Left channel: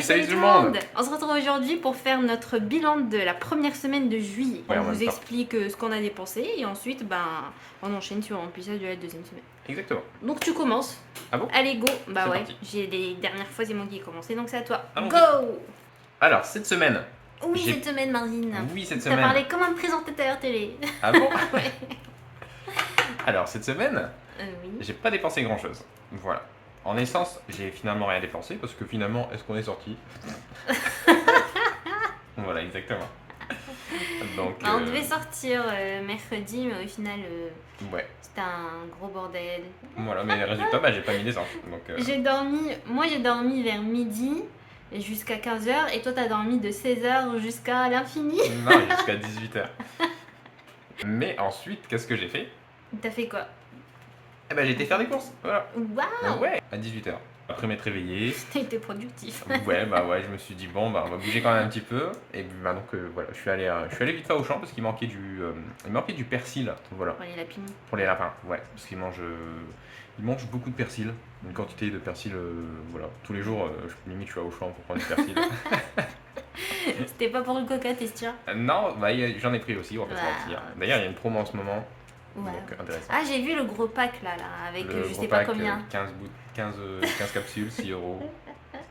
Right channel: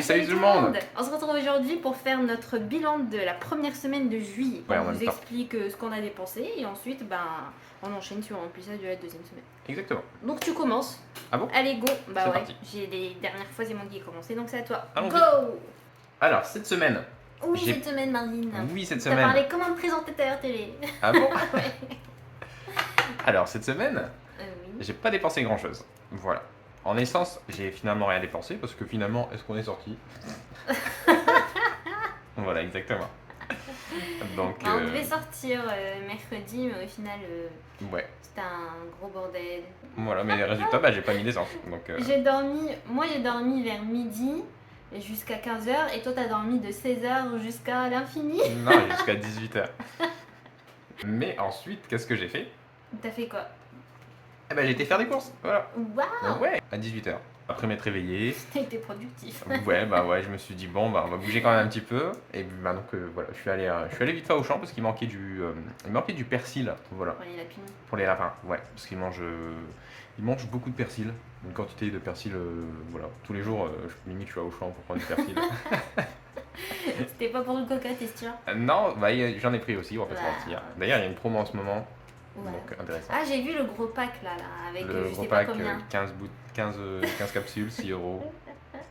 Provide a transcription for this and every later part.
Salut tout le monde. On se retrouve aujourd'hui pour faire notre bilan de la première semaine de juillet. Ouais, en On même vous temps. explique ce qu'on a dépensé et ensuite on enchaîne sur un remplissage de la deuxième semaine. Exactement. Donc tu commences. Ah bon? Allez go. Bah C'est ouais, parti. j'ai les dernières fois c'est moi qui ai commencé donc c'est à toi. Allons-y. Go. Alors, cette semaine. Oui J'ai- cette semaine Marine. Oui, cette T'as semaine. parlé comme un présentateur télé. Ah bon? Ouais. Alors, cette semaine, Oui. j'ai pas dépensé grand chose. Voilà. En essence, j'ai finalement rien dépensé parce que finalement, est-ce qu'on est sorti? Voilà, exactement. Donc, On devait sortir mercredi mais au final ouais. c'était un gros bordel. Voilà, mais résultat, bah, j'ai pas mis d'essence. Donc, J'ai dormi vers midi jusqu'à 15h et toi t'as dormi de 16h jusqu'à l'infini. non, jusqu'à 18h. Mais ensuite, qu'est-ce que j'ai fait? T'as fait quoi? Eh ben, j'ai été faire des courses. Voilà. Waouh. Ouais, à 18h. Après m'être réveillé. T'as été productif. Ouais, bah ouais, je me suis dit, bon, bah on va bouger quand même un petit peu. Et bah donc, voilà, je suis allé vite fait au champ parce qu'il manquait du persil, voilà, Pour les lapins. pour les lapins, ouais, parce ils mangent beaucoup de persil, une quantité de persil, voilà, tous les jours, limite je suis au champ pour prendre du persil. C'était pas pour le coca, t'es sûr? Non, bah j'en ai pris aussi, on va pas se Ouais. mentir. D'ailleurs, il y a une promo en ce moment, Voilà. donc intéressant. Ah j'ai vu le gros pack là avec Le je gros sais pas pack, combien. 15 capsules, 6 euros.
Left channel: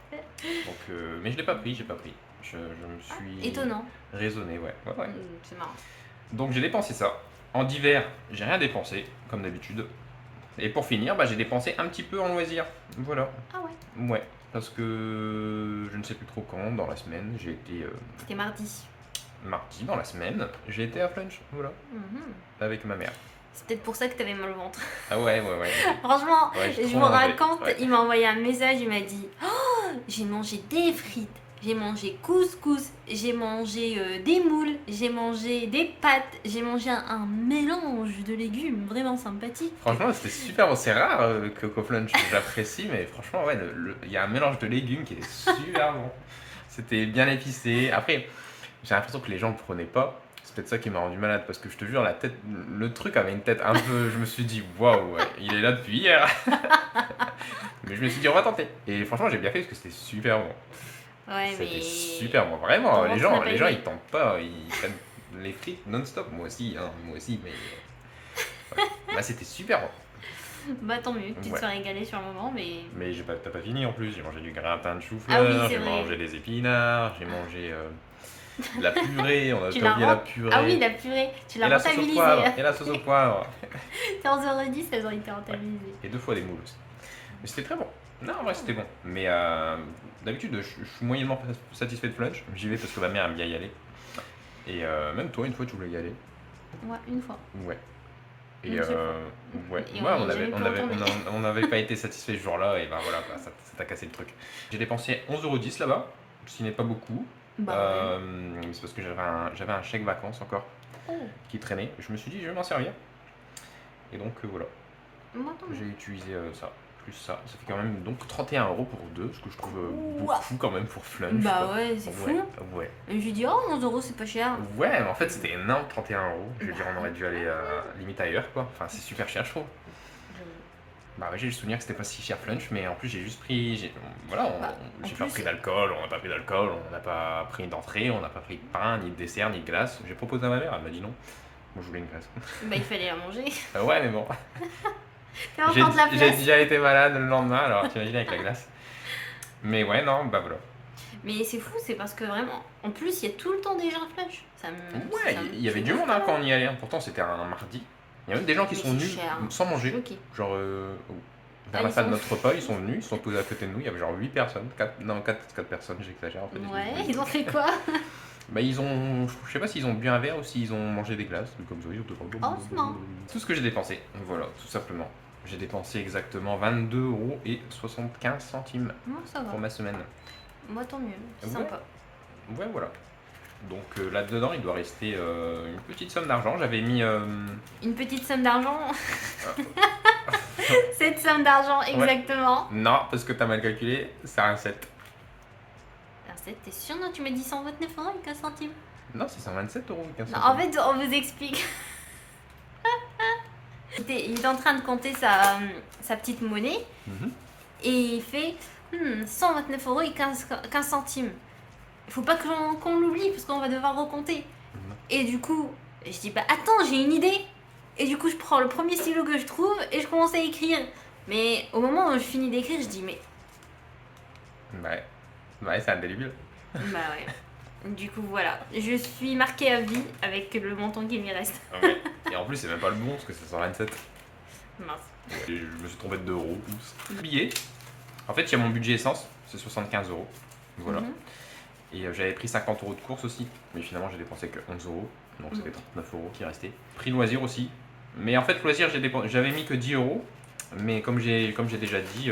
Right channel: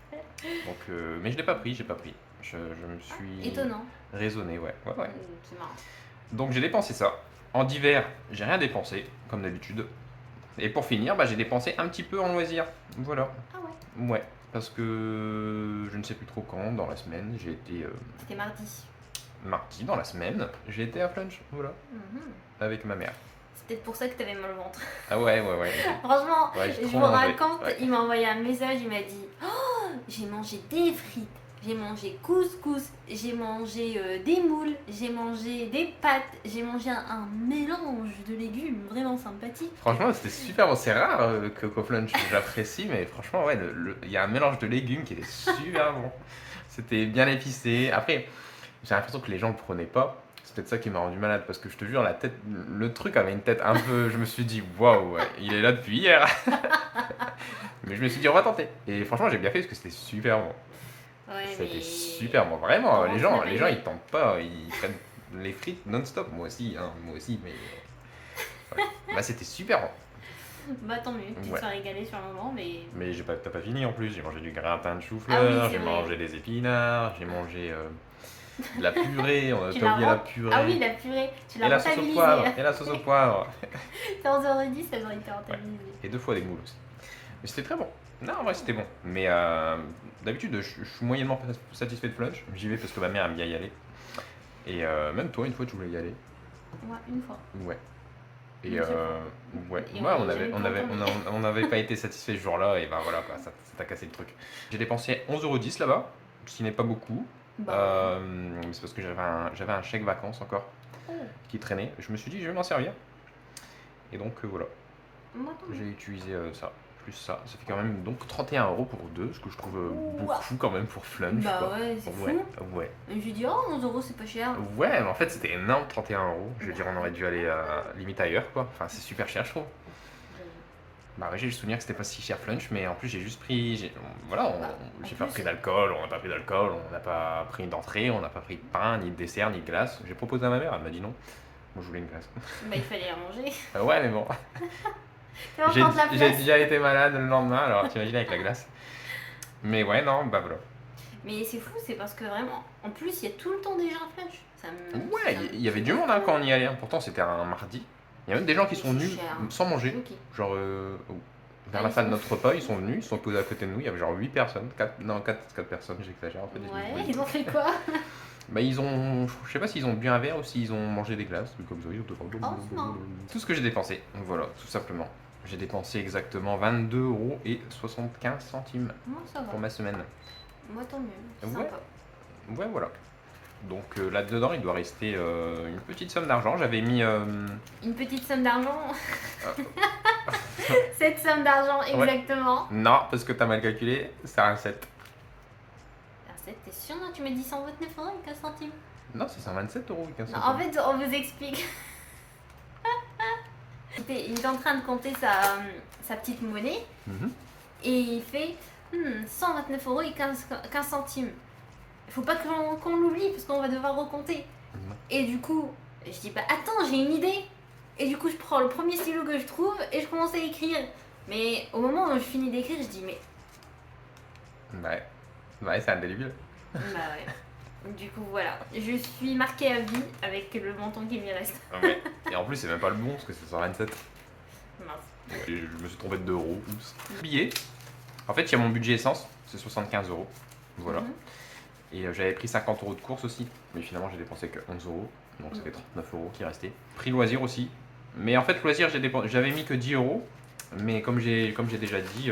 Donc, mais je l'ai pas pris, j'ai pas pris. Je me suis Étonnant. raisonné, ouais. C'est marrant. Donc j'ai dépensé ça. En d'hiver, j'ai rien dépensé, comme d'habitude. Et pour finir, bah, j'ai dépensé un petit peu en loisirs. Voilà. Ah ouais. Ouais. Parce que je ne sais plus trop quand, dans la semaine, j'ai été C'était mardi. mardi, dans la semaine, j'ai été à Flunch, voilà, Mhm. avec ma mère. C'est peut-être pour ça que t'avais mal au ventre. Ah ouais. Franchement, Ouais, j'ai je trop me mangé, raconte, ouais. il m'a envoyé un message, il m'a dit oh, j'ai mangé des frites, j'ai mangé couscous, j'ai mangé des moules, j'ai mangé des pâtes, j'ai mangé un mélange de légumes vraiment sympathique. Franchement, c'était super bon. C'est rare que qu'au Flunch, j'apprécie, mais franchement, ouais, il y a un mélange de légumes qui était super bon. C'était bien épicé. Après, j'ai l'impression que les gens le prenaient pas. C'est peut-être ça qui m'a rendu malade parce que je te jure, le truc avait une tête un peu. Je me suis dit, waouh, ouais, il est là depuis hier. Mais je me suis dit, on va tenter. Et franchement, j'ai bien fait parce que c'était super bon. Ouais, C'était mais. super bon, vraiment. Comment Les ça gens, s'appelle, les gens, mais- ils tentent pas, ils prennent les frites non-stop. Moi aussi, mais. Ouais. Bah, c'était super bon. Bah tant mieux, tu te Ouais. serais régalé sur un moment, mais. Mais t'as pas fini en plus. J'ai mangé du gratin de Ah chou-fleur, oui, c'est j'ai vrai. mangé des épinards, j'ai mangé de la purée. On a Tu pas l'as oublié la rem- purée. Ah oui, la purée, tu Et l'as la sauce au rentabilisée. poivre. Et la sauce au poivre. 15h10, elles ont été rentabilisées. Et 2 fois des moules aussi. Mais c'était très bon. Non, en vrai, c'était bon. Mais d'habitude, je suis moyennement satisfait de Flunch. J'y vais parce que ma mère aime bien y aller. Et même toi, une fois, tu voulais y aller. Ouais, une fois. Ouais. Et Une seule ouais, Et ouais, on on est avait, jamais on pu avait, retourner. on n'avait pas été satisfait ce jour-là. Et ben voilà, quoi, ça t'a cassé le truc. J'ai dépensé 11,10 € là-bas, ce qui n'est pas beaucoup. Bah C'est parce que j'avais un chèque vacances encore ouais. qui traînait. Je me suis dit, je vais m'en servir. Et donc voilà, Moi, tant mieux. j'ai utilisé ça. Plus ça fait quand même donc 31 € pour deux, ce que je trouve beaucoup quand même pour Flunch. Bah quoi. ouais, c'est Ouais, fou. ouais. Et je lui dis, oh, 11 € c'est pas cher. Ouais, mais en fait c'était énorme, 31 €. Je veux dire, on aurait dû aller limite ailleurs quoi. Enfin, c'est super cher, je trouve. Bah ouais, j'ai le souvenir que c'était pas si cher Flunch, mais en plus j'ai juste pris. J'ai pas plus, pris d'alcool, on n'a pas pris d'alcool, on n'a pas pris d'entrée, on n'a pas pris de pain, ni de dessert, ni de glace. J'ai proposé à ma mère, elle m'a dit non. Moi je voulais une glace. Bah il fallait la manger. Ouais, mais bon. Tu vas J'ai prendre la j'ai place. déjà été malade le lendemain, alors t'imagines avec la glace. Mais ouais, non, bah voilà. Mais c'est fou, c'est parce que vraiment, en plus, il y a tout le temps des gens flash. Ça me... Ouais, il y avait du monde hein, quand on y allait. Pourtant, c'était un mardi. Il y a même des gens qui Mais sont c'est venus cher. sans manger. Ok. Genre, vers Ah, la ils fin de sont- notre repas, ils sont venus, ils sont posés à côté de nous. Il y avait genre 8 personnes. 4 personnes, j'exagère en fait. Ouais, ils ont fait quoi? Bah, je sais pas s'ils ont bu un verre ou s'ils ont mangé des glaces. Comme ça, ils ont Oh, c'est marrant. tout ce que j'ai dépensé. Voilà, tout simplement. J'ai dépensé exactement 22,75 € Non, ça pour va. ma semaine. Moi, tant mieux. C'est Ouais. sympa. Ouais, voilà. Donc là-dedans, il doit rester une petite somme d'argent. J'avais mis. Une petite somme d'argent. Cette somme d'argent, exactement. Non, parce que t'as mal calculé, c'est un 7. T'es sûr, non? Tu m'as dit 129 € et 15 centimes. Non, c'est 127 € et 15 Non, centimes. en fait, on vous explique. Il était en train de compter sa petite monnaie Mhm. et il fait 129 euros et 15 centimes. Il faut pas qu'on l'oublie parce qu'on va devoir recompter. Et du coup, je dis bah attends, j'ai une idée. Et du coup, je prends le premier stylo que je trouve et je commence à écrire. Mais au moment où je finis d'écrire, je dis mais Ouais, c'est un délire. bah ouais. Du coup, voilà, je suis marquée à vie avec le montant qui me reste. Ouais. Et en plus, c'est même pas le bon parce que c'est 127. Mince. Ouais, je me suis trompé de 2 euros. Oups. Billet. En fait, il y a mon budget essence, c'est 75 euros. Voilà. Mhm. Et j'avais pris 50 euros de course aussi, mais finalement j'ai dépensé que 11 euros, donc c'était 39 euros qui restaient. Prix loisir aussi, mais en fait loisir j'avais mis que 10 euros, mais comme j'ai déjà dit,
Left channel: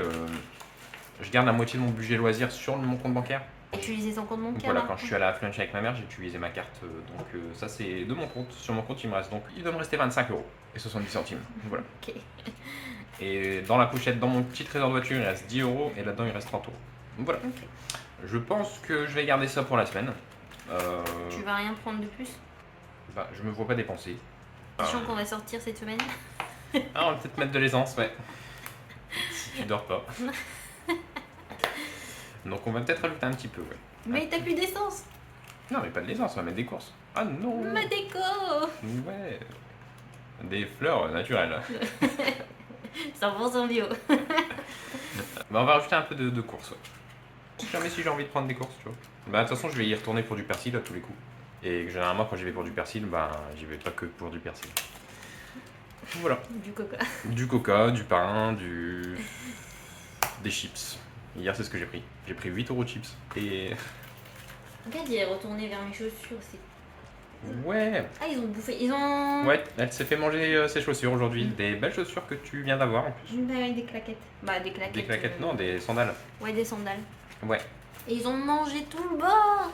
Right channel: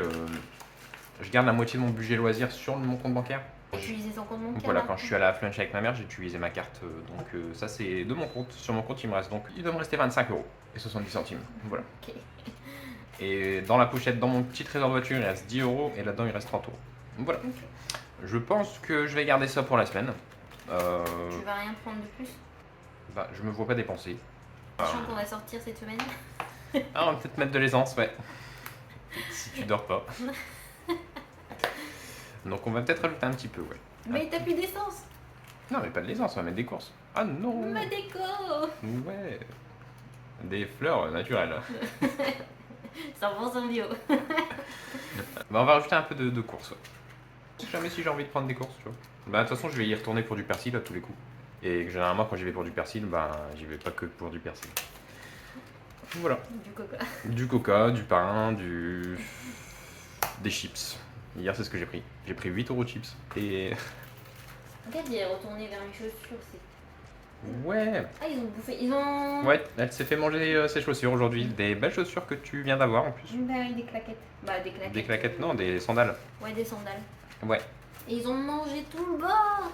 je garde la moitié de mon budget loisir sur mon compte bancaire. Utiliser son compte bancaire. Voilà, là. quand je suis allé à Flunch avec ma mère, j'ai utilisé ma carte, donc ça c'est de mon compte. Sur mon compte il me reste donc, il doit me rester 25 euros et 70 centimes. Voilà. Ok. Et dans la pochette, dans mon petit trésor de voiture, il reste 10 euros et là-dedans il reste 30 euros. Voilà. Ok. Je pense que je vais garder ça pour la semaine. Tu vas rien prendre de plus? Bah, je me vois pas dépenser. Sachant qu'on va sortir cette semaine. Ah, on va peut-être mettre de l'essence, ouais. Si tu dors pas. Donc on va peut-être rajouter un petit peu, ouais. Mais t'as plus d'essence. Non, mais pas de l'essence, on va mettre des courses. Ah non. Ma déco. Ouais. Des fleurs naturelles. 100% bio. Bah, on va rajouter un peu de courses, ouais. Jamais si j'ai envie de prendre des courses, tu vois. Bah, de toute façon, je vais y retourner pour du persil à tous les coups. Et généralement, quand j'y vais pour du persil, bah, j'y vais pas que pour du persil. Voilà. Du coca. Du coca, du pain, des chips. Hier, c'est ce que j'ai pris. J'ai pris 8 euros de chips. Et. Regarde, il est retourné vers mes chaussures aussi. Ouais. Ah, ils ont bouffé. Ils ont. Ouais, elle s'est fait manger ses chaussures aujourd'hui. Des belles chaussures que tu viens d'avoir en plus. Bah oui, des claquettes. Bah, des claquettes. Des claquettes, non, des sandales. Ouais, des sandales. Ouais. Et ils ont mangé tout le bord.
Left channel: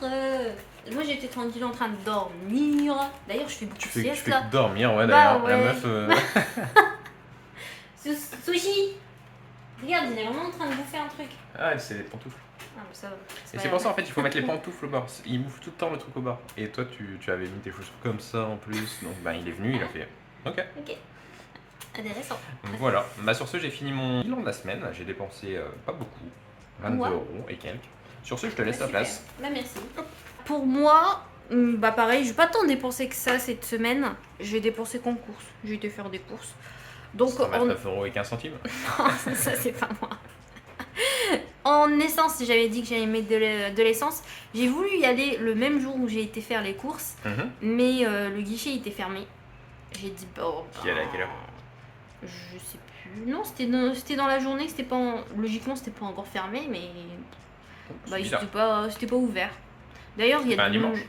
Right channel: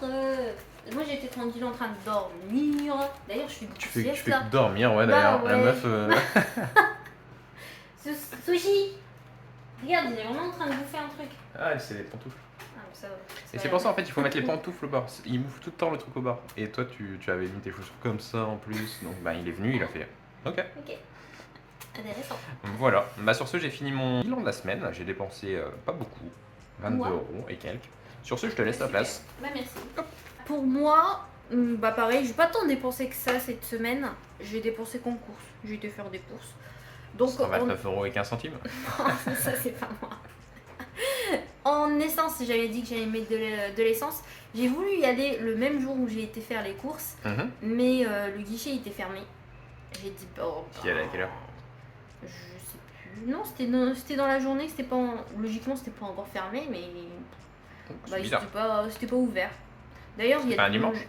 Moi, j'étais tranquille en train de dormir. D'ailleurs, je fais beaucoup Tu de fais sieste que là. dormir, ouais, Bah d'ailleurs. La ouais. meuf. Sushi. Regarde, il est vraiment en train de bouffer un truc. Ah, c'est des pantoufles. Ah, mais ça va. Et c'est pour ça en fait il faut mettre les pantoufles au bord. Il bouffe tout le temps le truc au bord. Et toi tu avais mis tes chaussures comme ça en plus. Donc bah il est venu, il a fait. Ok. Ok. Intéressant. Voilà. Bah sur ce j'ai fini mon bilan de la semaine. J'ai dépensé pas beaucoup. 22 Ouais. euros et quelques. Sur ce je te laisse la Super. place. Bah, merci. Pour moi, bah pareil, j'ai pas tant dépensé que ça cette semaine. J'ai dépensé qu'en courses. J'ai été faire des courses. Donc, 129 euros et 15 centimes. ça c'est pas moi. En essence, j'avais dit que j'allais mettre de l'essence. J'ai voulu y aller le même jour où j'ai été faire les courses, Mhm. mais le guichet était fermé. J'ai dit bon. Qui allait à quelle heure? Je sais plus. Non, c'était dans la journée. C'était pas logiquement c'était pas encore fermé, mais C'est bah, bizarre. c'était pas ouvert. D'ailleurs, il y a Pas un dimanche?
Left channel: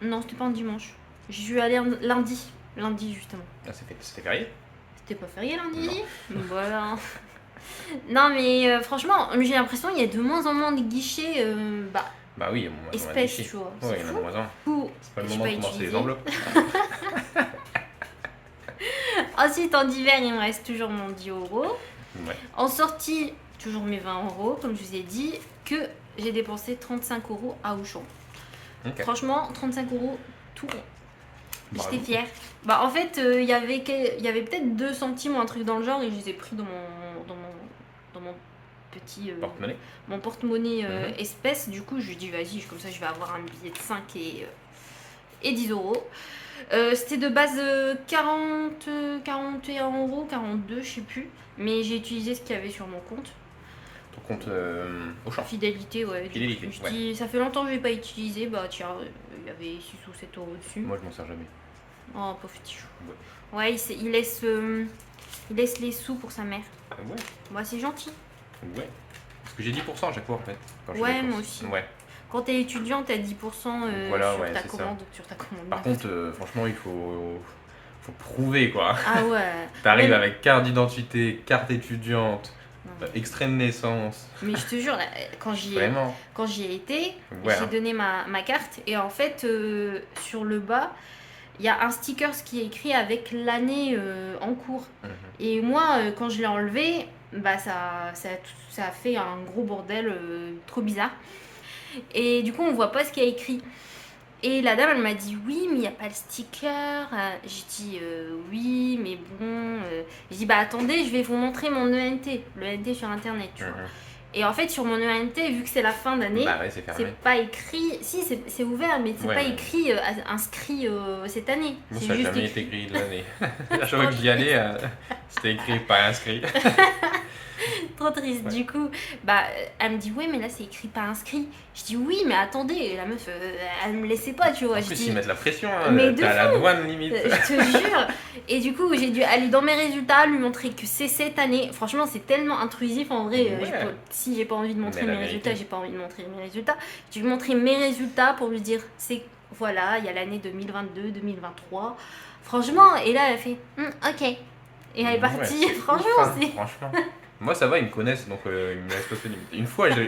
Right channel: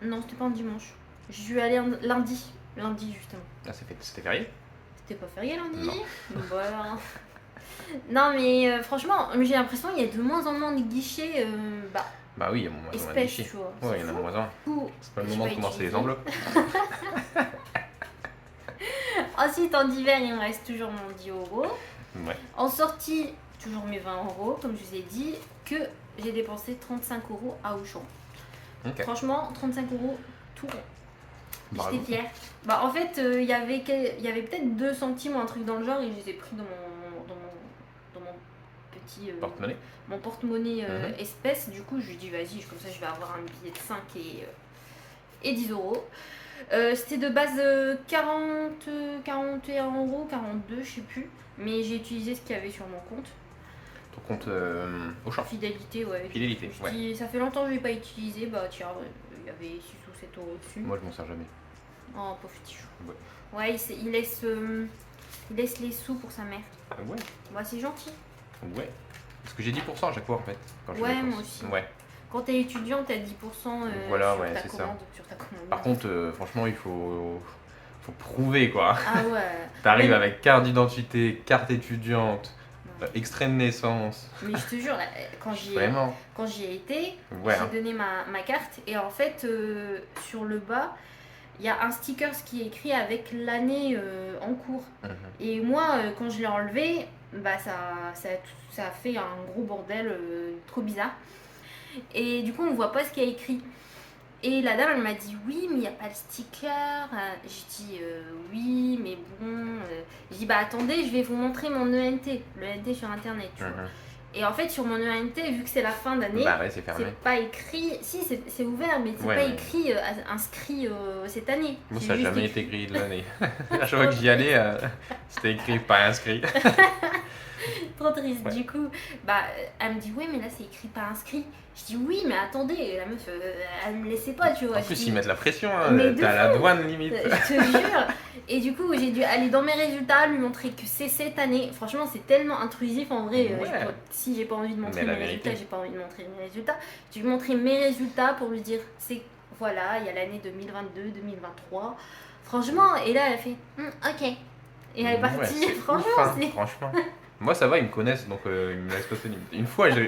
Non, c'était pas un dimanche. Je suis allée lundi justement. Ah, c'était férié? C'était pas férié lundi? Non. Voilà. Non, mais franchement, j'ai l'impression qu'il y a de moins en moins de guichets Bah oui, il y a moins de espèces, guichets. tu vois. Ouais, C'est il y en a fou. moins un. Du coup, C'est pas le j'ai moment pas de commencer les utilisé. enveloppes. Ensuite, en hiver, il me reste toujours mon 10 euros. Ouais. En sortie, toujours mes 20 euros, comme je vous ai dit, que j'ai dépensé 35 euros à Auchan. Ok. Franchement, 35 euros, tout rond. Bravo. J'étais fière. Bah, en fait, il y avait peut-être 2 centimes ou un truc dans le genre et je les ai pris dans mon petit Porte-monnaie. mon porte-monnaie Mhm. espèce. Du coup, je lui dis vas-y, comme ça je vais avoir un billet de 5 et 10 euros. C'était de base 41 euros, 42, je sais plus. Mais j'ai utilisé ce qu'il y avait sur mon compte. Ton compte au champ. Fidélité, ouais. Fidélité, Je ouais. dis, ça fait longtemps que je l'ai pas utilisé. Bah tiens, il y avait 6 ou 7 euros dessus. Moi, je m'en sers jamais. Oh, pauvre petit chou. Ouais. Ouais, il laisse les sous pour sa mère. Ah ouais. Bah c'est gentil. Ouais. Parce que j'ai 10% à chaque fois en fait. Quand je Ouais, fais les moi courses. aussi. Ouais. Quand t'es étudiant, t'as 10% Voilà, sur, ouais, ta c'est ça. commande, sur ta commande. Par contre, franchement, il faut prouver quoi. Ah ouais. T'arrives Mais- avec carte d'identité, carte étudiante, extrait de naissance. Mais je te jure, là, Vraiment. quand j'y ai été, Ouais. j'ai donné ma carte et en fait, sur le bas, il y a un sticker qui est écrit avec l'année en cours. Mhm. Et moi, quand je l'ai enlevé, bah ça a fait un gros bordel trop bizarre. Et du coup, on voit pas ce qu'il y a écrit. Et la dame, elle m'a dit oui, mais il n'y a pas le sticker. J'ai dit oui, mais bon. J'ai dit bah attendez, je vais vous montrer mon ENT, le ENT sur internet. Tu vois. Mhm. Et en fait, sur mon ENT, vu que c'est la fin d'année, Bah ouais, c'est fermé. c'est pas écrit. Si, c'est ouvert, mais c'est Ouais, pas ouais. écrit Moi, inscrit cette année. C'est ça n'a juste jamais écrit. été écrit de l'année. À chaque fois que j'y allais, c'était écrit pas inscrit. Trop triste. Ouais. Du coup, bah, elle me dit ouais, mais là c'est écrit pas inscrit. Je dis oui, mais attendez, et la meuf, elle me laissait pas, tu vois. En Je plus, dis, ils mettent la pression, hein. mais de T'es à la douane limite. je te jure. Et du coup, j'ai dû aller dans mes résultats, lui montrer que c'est cette année. Franchement, c'est tellement intrusif en vrai. Ouais. Si j'ai pas envie de montrer Mais la mes résultats, vérité. j'ai pas envie de montrer mes résultats. J'ai montré mes résultats pour lui dire c'est voilà, il y a l'année 2022, 2023. Franchement, et là, elle a fait ok. Et elle est partie. Ouais, c'est Franchement, ouf, hein, c'est. franchement. Moi, ça va, ils me connaissent, donc ils me laissent passer limite. Une fois, je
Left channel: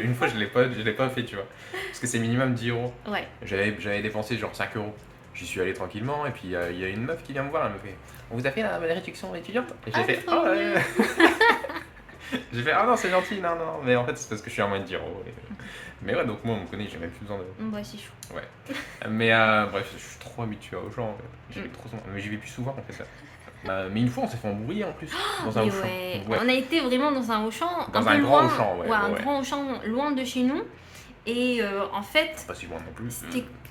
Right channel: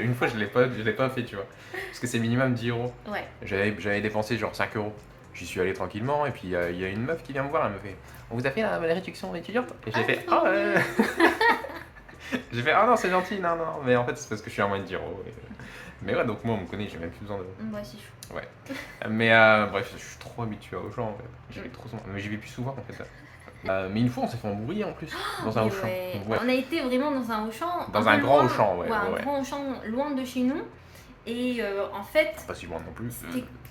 l'ai pas fait, tu vois. Parce que c'est minimum 10 euros. Ouais. J'avais dépensé genre 5 euros. J'y suis allé tranquillement, et puis il y a une meuf qui vient me voir, elle me fait on vous a fait la réduction étudiante. Et j'ai fait trop oh, mignon. j'ai fait ah non, c'est gentil, non, non. Mais en fait, c'est parce que je suis à moins de 10 euros. Mais ouais, donc moi, on me connaît, j'ai même plus besoin de. Bah, c'est chou. Ouais. Mais bref, je suis trop habitué aux gens. J'y vais trop souvent. Mais j'y vais plus souvent en fait. Mais une fois, on s'est fait embrouiller en plus dans un Mais Auchan. ouais. Ouais. On a été vraiment dans un Auchan. Dans un un peu grand loin. Auchan, ouais, Un ouais. grand Auchan loin de chez nous. Et en fait, Pas si loin non plus.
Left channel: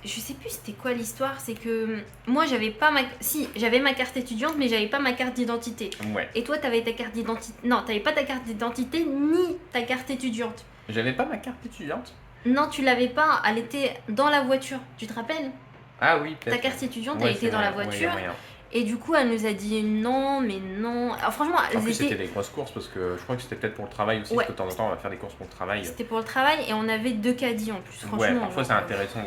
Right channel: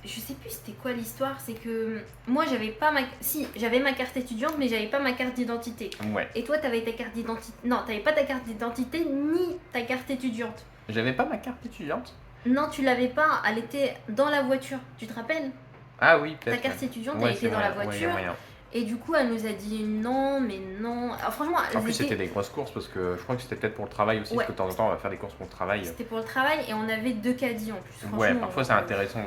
je sais plus c'était quoi l'histoire. C'est que moi, j'avais pas ma. Si, j'avais ma carte étudiante, mais j'avais pas ma carte d'identité. Ouais. Et toi, t'avais ta carte d'identité. Non, t'avais pas ta carte d'identité ni ta carte étudiante. J'avais pas ma carte étudiante. Non, tu l'avais pas. Elle était dans la voiture. Tu te rappelles? Ah oui, Ta peut-être. carte étudiante, Ouais, elle était c'est dans la moyen, ouais, voiture. moyen. Et du coup, elle nous a dit non, mais non. Alors, franchement, En elles plus, étaient. c'était des grosses courses parce que je crois que c'était peut-être pour le travail aussi. Ouais. Parce que de temps en temps, on va faire des courses pour le travail. C'était pour le travail et on avait 2 caddies en plus. Ouais, Franchement, parfois c'est intéressant,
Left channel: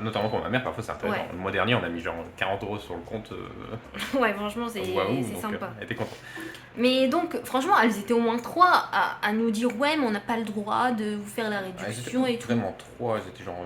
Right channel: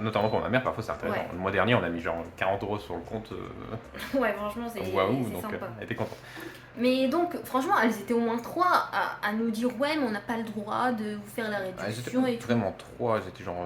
notamment pour ma mère, parfois c'est intéressant. Ouais. Le mois dernier, on a mis genre 40 euros sur le compte. Ouais, franchement, c'est Waouh, c'est donc sympa. elle était contente. Mais donc, franchement, elles étaient au moins 3 à nous dire ouais, mais on n'a pas le droit de vous faire la Elles étaient réduction pas et tout. vraiment 3, elles étaient genre.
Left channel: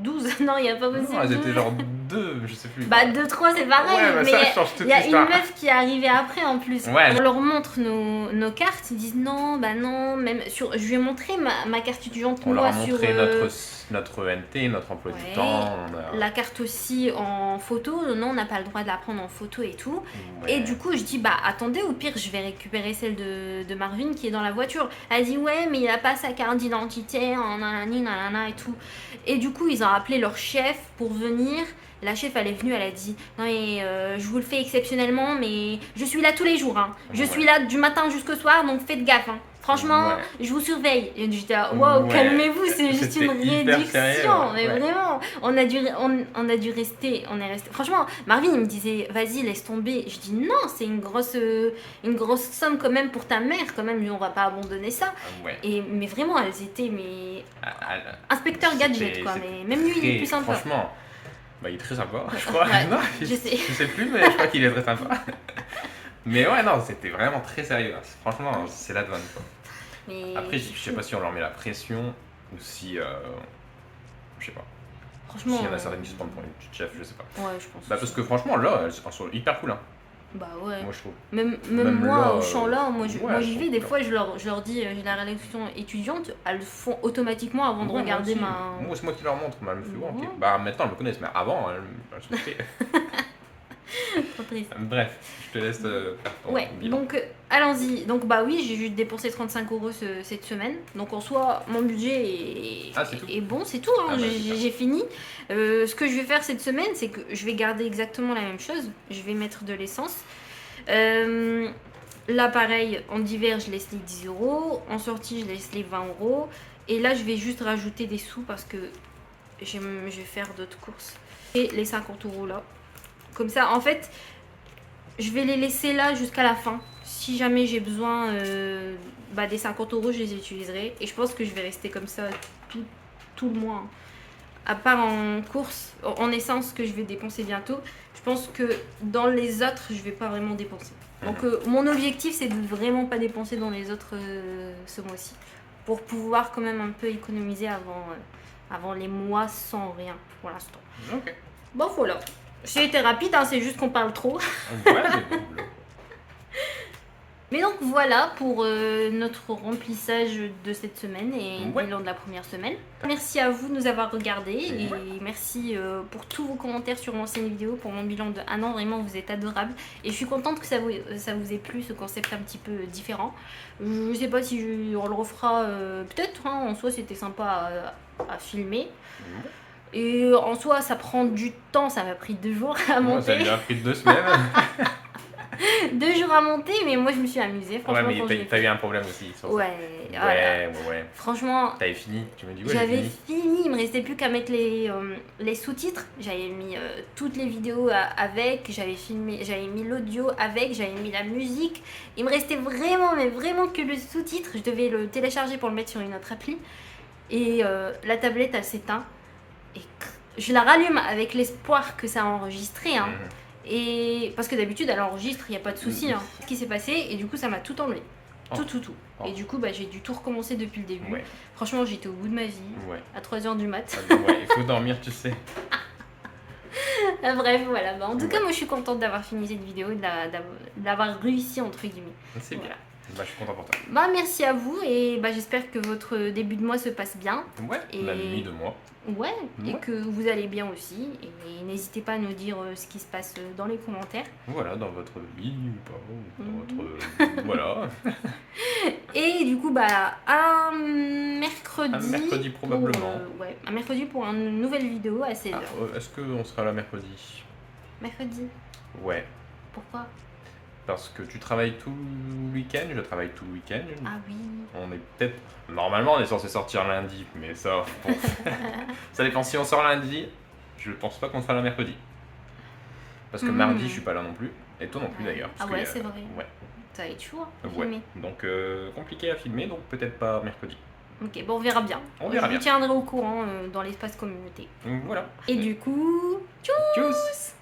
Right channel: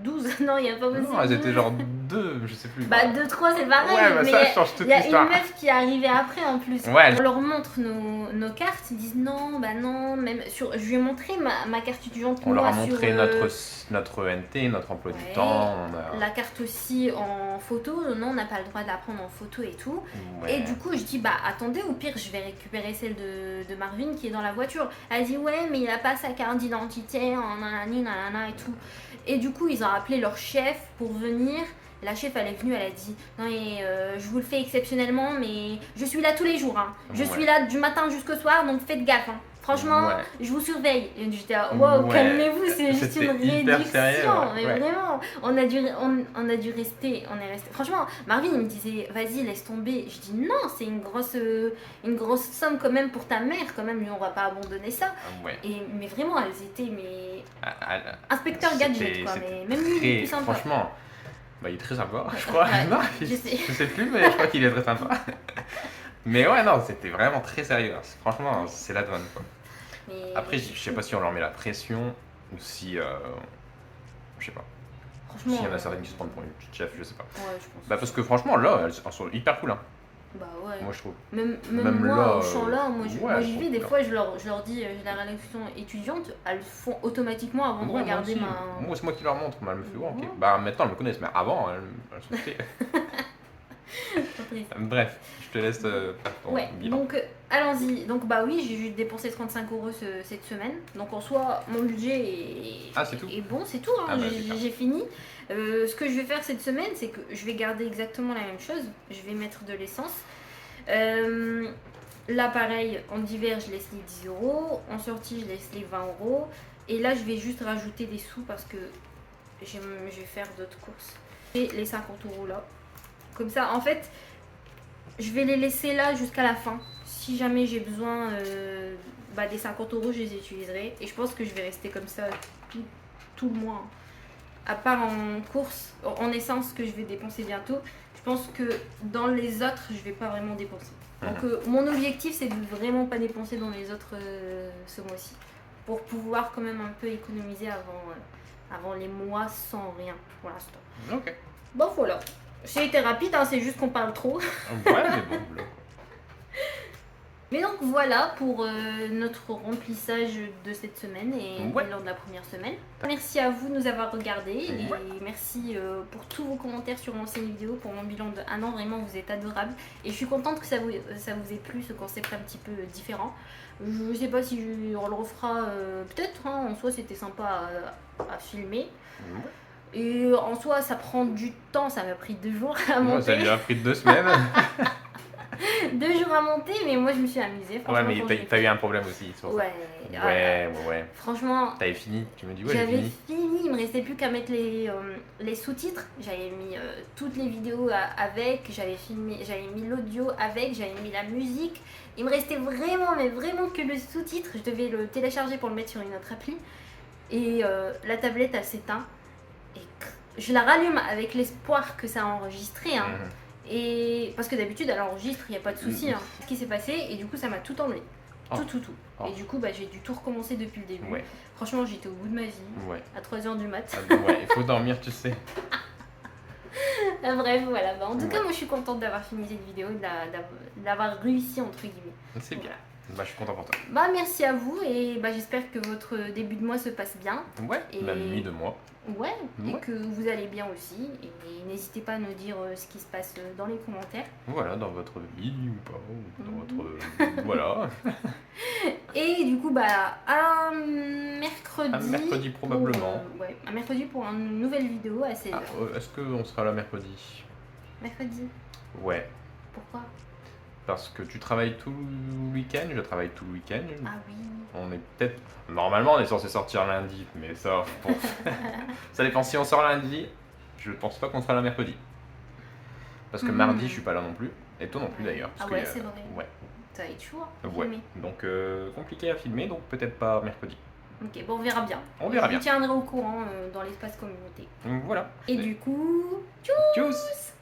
12, non, il n'y a pas possible. Non, elles étaient 12. genre 2, je sais plus. Bah, 2, 3, c'est pareil. Ouais, bah mais ça change toute il y a une l'histoire. meuf qui est arrivée après en plus. Ouais. On leur montre nos cartes, ils disent non, bah non. Même sur, je lui ai montré ma carte étudiante. On leur a moi, montré sur, notre ENT, notre emploi Ouais. du temps. On a... la carte aussi en photo. Non, on n'a pas le droit de la prendre en photo et tout. Ouais. Et du coup, je dis, bah attendez, au pire, je vais récupérer celle de Marvin qui est dans la voiture. Elle dit, ouais, mais il a pas sa carte d'identité, nanana et tout. Et du coup, ils ont appelé leur chef pour venir. La chef, elle est venue, elle a dit, non, mais je vous le fais exceptionnellement, mais je suis là tous les jours. Hein. Je Ouais. suis là du matin jusqu'au soir, donc faites gaffe. Hein. Franchement, Ouais. je vous surveille. Et j'étais là, waouh, Ouais. calmez-vous, c'est juste C'était une hyper réduction. sérieux, ouais. Mais Ouais. vraiment, on a dû rester, on est resté. Franchement, Marvin, il me disait, vas-y, laisse tomber. Je dis, non, c'est une grosse somme quand même pour ta mère, quand même, on va pas abandonner ça. Ouais. Mais vraiment, elles étaient, mais. Ah, Inspecteur c'était- Gadget, quoi. c'était Mais même lui, il est très- plus sympa. Franchement, bah, il est très sympa, je crois. Ouais, Non, je sais. je sais plus, mais je crois qu'il est très sympa. Mais ouais, non, c'était vraiment très sérieux. Franchement, c'est la douane, quoi. Mais Après, je sais pas si on leur met la pression ou si. Je sais pas. franchement. S'il y en a certaines qui se prennent pour une petite chef, je sais pas. Ouais, je pense. Bah, parce que franchement, là, elles sont hyper cool, hein. Bah ouais. Moi, je trouve. Même Même moi, là, au champ là, moi ouais, j'y je vais, des trouve fois je leur dis j'ai la rédaction étudiante, elles le font automatiquement avant de Ouais, regarder moi, ma. aussi. Moi, c'est moi qui leur montre, mais elles me font ok. Ouais. Bah, maintenant, elles me connaissent, mais avant, elles sont fait. Trop triste. Bref, je te laisse faire ton Ouais, bilan. donc allons-y. Donc bah oui, j'ai juste dépensé 35 euros cette semaine. Donc en soi, mon budget est, Ah, c'est tout est bon, c'est tout. Hein. Ah, bah, J'ai super. j'ai fini. Ce que je vais faire cette semaine, c'est que je vais garder exactement la même chose. Je vais mettre de l'essence. Là, pareil, en hiver, je laisse les 10 euros. En sortie, je laisse les 20 euros. Et là, je vais juste rajouter des sous parce que je vais faire d'autres courses. Et les 50 euros là. Comme ça, en fait, je vais les laisser là jusqu'à la fin. Si jamais j'ai besoin des 50 euros, je les utiliserai. Et je pense que je vais rester comme ça tout le mois. À part en course, en essence que je vais dépenser bientôt. Je pense que dans les autres, je vais pas vraiment dépenser. Donc mon objectif, c'est de vraiment pas dépenser dans les autres ce mois-ci. Pour pouvoir quand même un peu économiser avant les mois sans rien pour l'instant. Ok. Bon, voilà. J'ai été rapide, hein, c'est juste qu'on parle trop. Ouais, mais bon, là. Mais donc voilà pour notre remplissage de cette semaine et Ouais. bilan de la première semaine. Merci à vous de nous avoir regardés et Ouais. merci pour tous vos commentaires sur l'ancienne vidéo pour mon bilan de 1 an. Vraiment, vous êtes adorables et je suis contente que ça vous ait plu, ce concept un petit peu différent. Je sais pas si on le refera, peut-être, hein, en soi c'était sympa à filmer. Ouais. Et en soi, ça prend du temps, ça m'a pris 2 jours à Moi, ça monter. lui a pris 2 semaines. 2 jours à monter, mais moi je me suis amusée. Ouais, Franchement, quand mais t'as eu un problème aussi sur ça. Ouais, Ouais. franchement, T'avais fini, tu me dis ouais, j'ai j'avais fini. fini, il me restait plus qu'à mettre les sous-titres. J'avais mis toutes les vidéos avec, j'avais mis l'audio avec, j'avais mis la musique. Il me restait vraiment, mais vraiment que le sous-titre. Je devais le télécharger pour le mettre sur une autre appli. Et la tablette, elle s'éteint. Et je la rallume avec l'espoir que ça a enregistré. Hein. Mhm. Et parce que d'habitude, elle enregistre, il n'y a pas de souci. Hein. Ce qui s'est passé, et du coup, ça m'a tout enlevé. Oh. Tout. Oh. Et du coup, j'ai dû tout recommencer depuis le début. Ouais. Franchement, j'étais au bout de ma vie. Ouais. À 3h du mat. Ah bon, ouais, il faut dormir, tu sais. Bref, voilà. En tout cas, Ouais. moi, je suis contente d'avoir fini cette vidéo, d'avoir réussi, entre guillemets. C'est bien. Voilà. Bah, je suis content pour toi. Merci à vous et j'espère que votre début de mois se passe bien. Ouais, Et- la nuit de moi. Ouais, et Ouais. que vous allez bien aussi. Et n'hésitez pas à nous dire ce qui se passe dans les commentaires. Voilà, dans votre vie ou pas, ou dans Mhm. votre... voilà. Et du coup, un mercredi. Un mercredi probablement. Ouais, un mercredi pour une nouvelle vidéo à 16h. Ah, est-ce qu'on sera là mercredi? Mercredi. Ouais, Pourquoi? parce que tu travailles tout le week-end, je travaille tout le week-end. Ah oui. On est peut-être... Normalement, on est censé sortir lundi, mais ça, bon... ça dépend. Si on sort lundi, je pense pas qu'on sera là mercredi. Parce que mardi, je suis pas là non plus. Et toi non plus d'ailleurs. Ah parce ouais, qu'il y a- c'est vrai. Ouais. Ça va être chaud à Ouais. filmer. Donc compliqué à filmer, donc peut-être pas mercredi. Ok, on verra bien. On verra Je bien. vous tiendrai au courant dans l'espace communauté. Donc, voilà. Et du coup, Tchuss.